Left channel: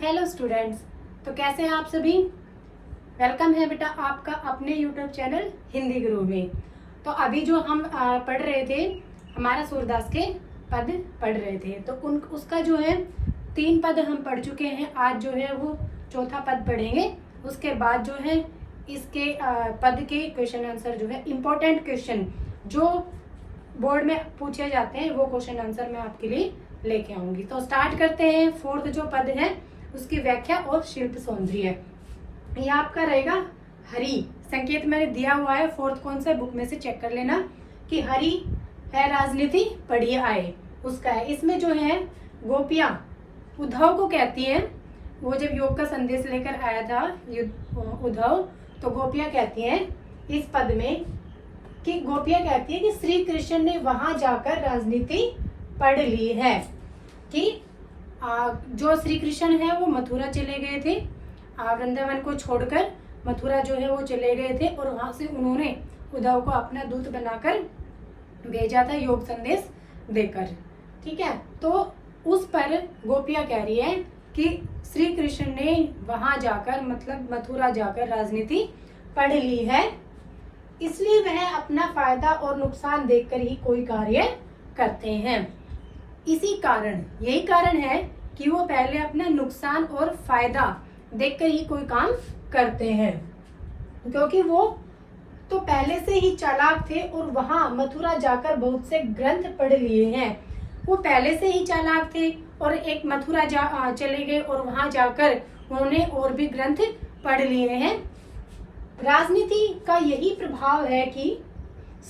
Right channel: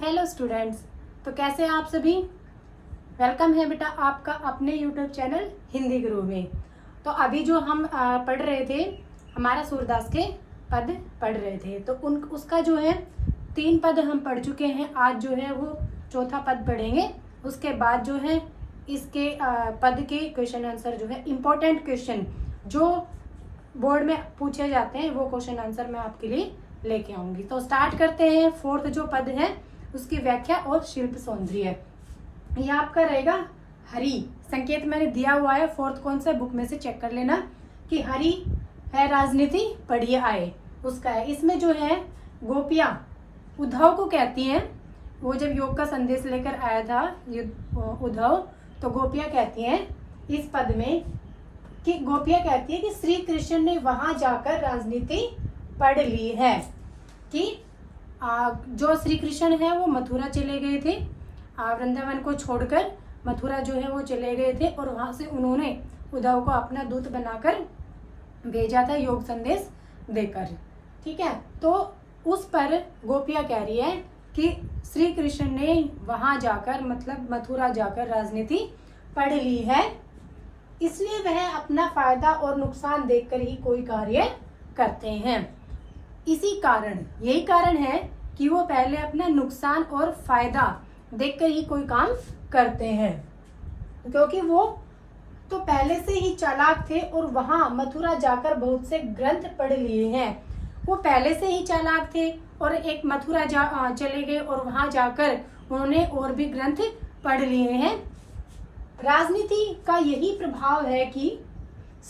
Hello students, तो कैसे हैं आप सभी। वेलकम है बेटा आपका अपने यूट्यूब चैनल हिंदी गुरु में। तो अभी जो हम पढ़ रहे थे, हमारा सूरदास के पद पढ़ रहे थे, तो उसका जो है 3 पद हम पढ़ चुके हैं। आज जो है वो चौथा पद पढ़ेंगे। उसके बाद जो है इसके पद के क्वेश्चन आंसर जो है इम्पोर्टेंट क्वेश्चन जो बोर्ड में पूछे जाते हैं वो क्वेश्चन आंसर मैं आपके लिए लेके आऊंगी। तो स्टार्ट करते हैं। 4th जो पद है उसकी व्याख्या और शिल्प सौंदर्य। ये आपका रहेगा हरि। संकेत मैंने दिया हुआ है 4th कौन सा बुक में से चेक कर लेना कि हरि है राजनीति पढ़िए आए उसका है। इसमें जो है गोपियां उद्धव को कहती हैं, वो जब योग का संदेश लेकर आया था उद्धव, तो गोपियां कहती हैं इस पद में कि गोपियां कहती है कि श्री कृष्ण ने वहां जाकर राजनीति पढ़ ली है कि जो श्री कृष्ण है वो मथुरा चले गए थे, वृंदावन को छोड़कर मथुरा जो है वो चले गए थे और वहां से उन्होंने उद्धव को अपना दूत बनाकर भेजा था योग संदेश देकर। ठीक है, तो उस पर गोपियां कह रही है कि श्री कृष्ण ने वहां जाकर मतलब मथुरा जाकर राजनीति पढ़ ली है, इसलिए वह अपना फायदा और नुकसान देखकर ही कोई कार्य करते हैं। इसी कारण यही कारण है कि वो पहले अपना नुकसान और फायदा देखकर ही कोई काम करते हैं, क्योंकि वो तो पहले से ही चालाक थे और वहां मथुरा जाकर बहुत से ग्रंथ पढ़ लिए हैं। वो पहले से ही चालाक थे और एक मथुरा चले गए और वहां जाकर उन्होंने और भी ग्रंथ पढ़ लिए हैं। राजनीति का यही प्रभाव है कि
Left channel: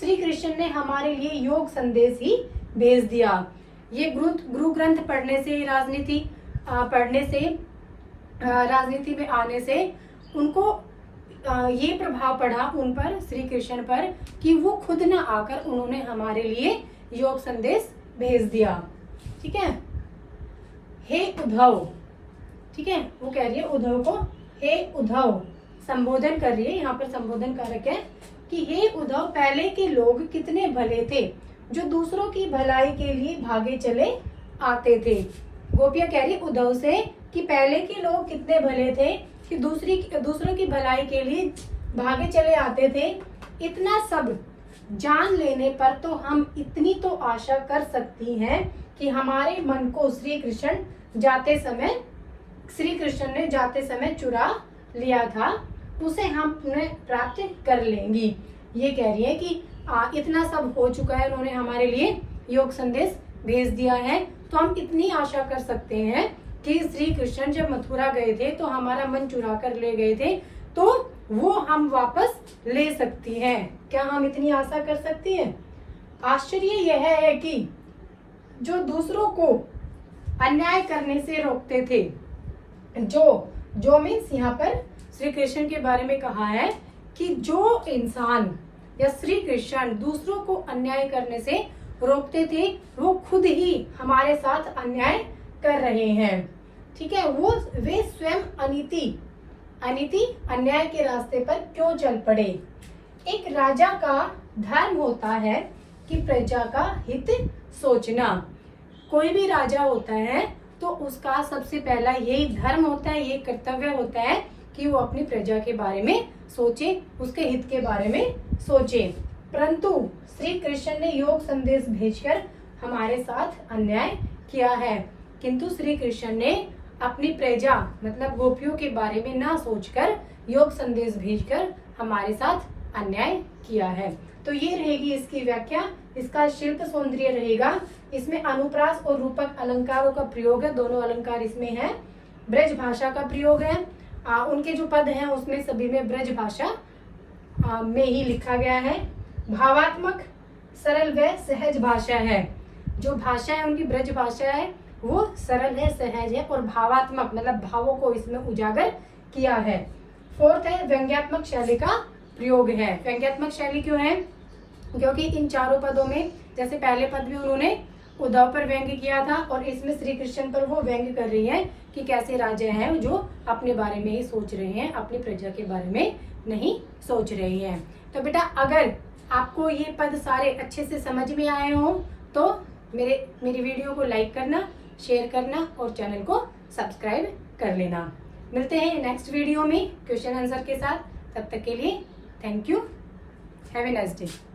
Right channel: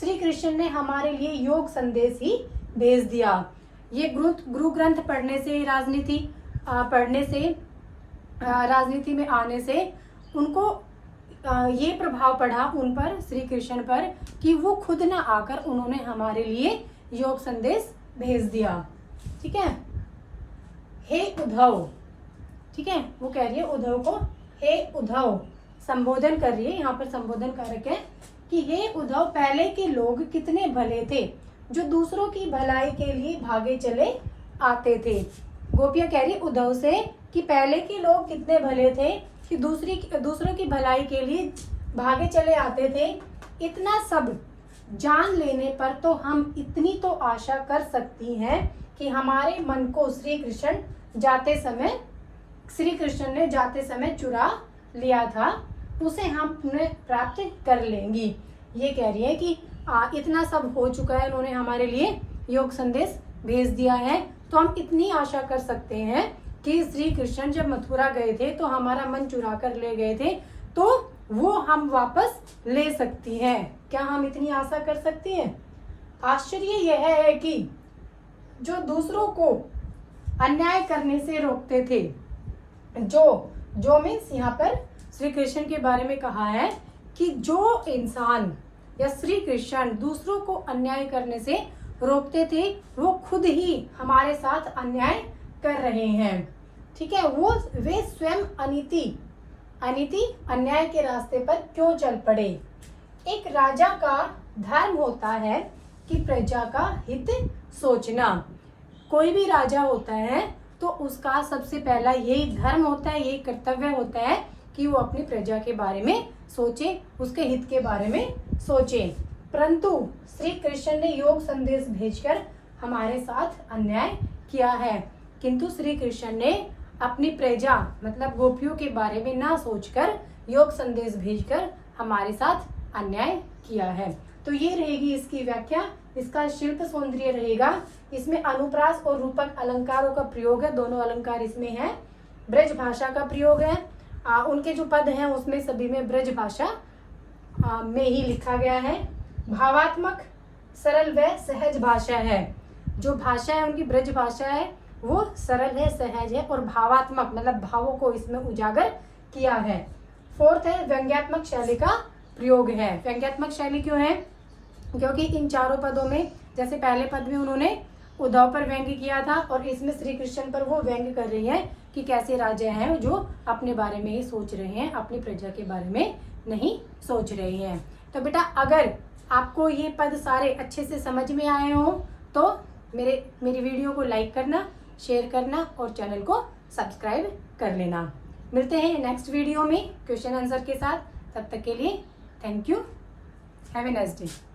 श्री कृष्ण ने हमारे लिए योग संदेश ही भेज दिया। ये गुरु ग्रंथ पढ़ने से राजनीति पढ़ने से राजनीति में आने से उनको ये प्रभाव पड़ा उन पर, श्री कृष्ण पर, कि वो खुद न आकर उन्होंने हमारे लिए योग संदेश भेज दिया। ठीक है, हे उद्धव, ठीक है, वो कह रही है उद्धव को हे उद्धव, संबोधन कर रही है। यहाँ पर संबोधन कारक है कि हे उद्धव, पहले के लोग कितने भले थे जो दूसरों की भलाई के लिए भागे चले आते थे। गोपियां कह रही उद्धव से कि पहले के लोग कितने भले थे कि दूसरों की भलाई के लिए भागे चले आते थे। इतना सब जान लेने पर तो हम इतनी तो आशा कर सकती हैं कि हमारे मन को श्री कृष्ण ने जाते समय चुरा लिया था, उसे हम पुनः प्राप्त कर लेंगी। ये कह रही है कि इतना सब हो चुका है, उन्होंने हमारे लिए योग संदेश भेज दिया है, तो हम इतनी आशा कर सकते हैं कि श्री कृष्ण जब मथुरा गए थे तो हमारा मन चुरा कर ले गए थे, तो वो हम वापस ले सकती हैं। क्या हम इतनी आशा कर सकती हैं? आश्चर्य यह है कि जो दूसरों को अन्याय करने से रोकते थे, जो मीन्स यहाँ पर श्री कृष्ण के बारे में कहा है कि जो इंसान या श्री कृष्ण दूसरों को अन्याय करने से रोकते थे वो खुद ही हमारे साथ अन्याय कर रहे हैं। ठीक है, वे स्वयं अनीति अन्याय के रास्ते पर क्यों चल पड़े। एक राजा का धर्म होता है कि प्रजा का हित सोचना। कोई भी राजा होता है तो उसका सबसे पहला यही धर्म होता है, ये कर्तव्य होता है कि वो अपनी प्रजा के बारे में सोचे, उसके हित के बारे में सोचे। परंतु श्री कृष्ण ने योग संदेश भेजकर हमारे साथ अन्याय किया है, किंतु श्री कृष्ण ने अपनी प्रजा मतलब गोपियों के बारे में ना सोचकर योग संदेश भेजकर हमारे साथ अन्याय किया है। तो ये रहेगी इसकी व्याख्या। इसका शिल्प सौंदर्य रहेगा, इसमें अनुप्रास और रूपक अलंकारों का प्रयोग है, दोनों अलंकार इसमें है। ब्रज भाषा का प्रयोग है, उनके जो पद हैं उसमें सभी में ब्रज भाषा में ही लिखा गया है। भावात्मक सरल व सहज भाषा है, जो भाषा है उनकी ब्रज भाषा है वो सरल है, सहज है और भावात्मक मतलब भावों को इसमें उजागर किया है। 4th है व्यंग्यात्मक शैली का प्रयोग है। व्यंग्यात्मक शैली क्यों है? क्योंकि इन चारों पदों में जैसे पहले पद में उन्होंने उद्धव पर व्यंग्य किया था और इसमें श्री कृष्ण पर वो व्यंग्य कर रही है कि कैसे राजा हैं जो अपने बारे में ही सोच रहे हैं, अपनी प्रजा के बारे में नहीं सोच रहे हैं। तो बेटा अगर आपको ये पद सारे अच्छे से समझ में आए हो तो मेरी वीडियो को लाइक करना, शेयर करना और चैनल को सब्सक्राइब कर लेना। मिलते हैं नेक्स्ट वीडियो में क्वेश्चन आंसर के साथ। तब तक के लिए thank you. Have a nice day.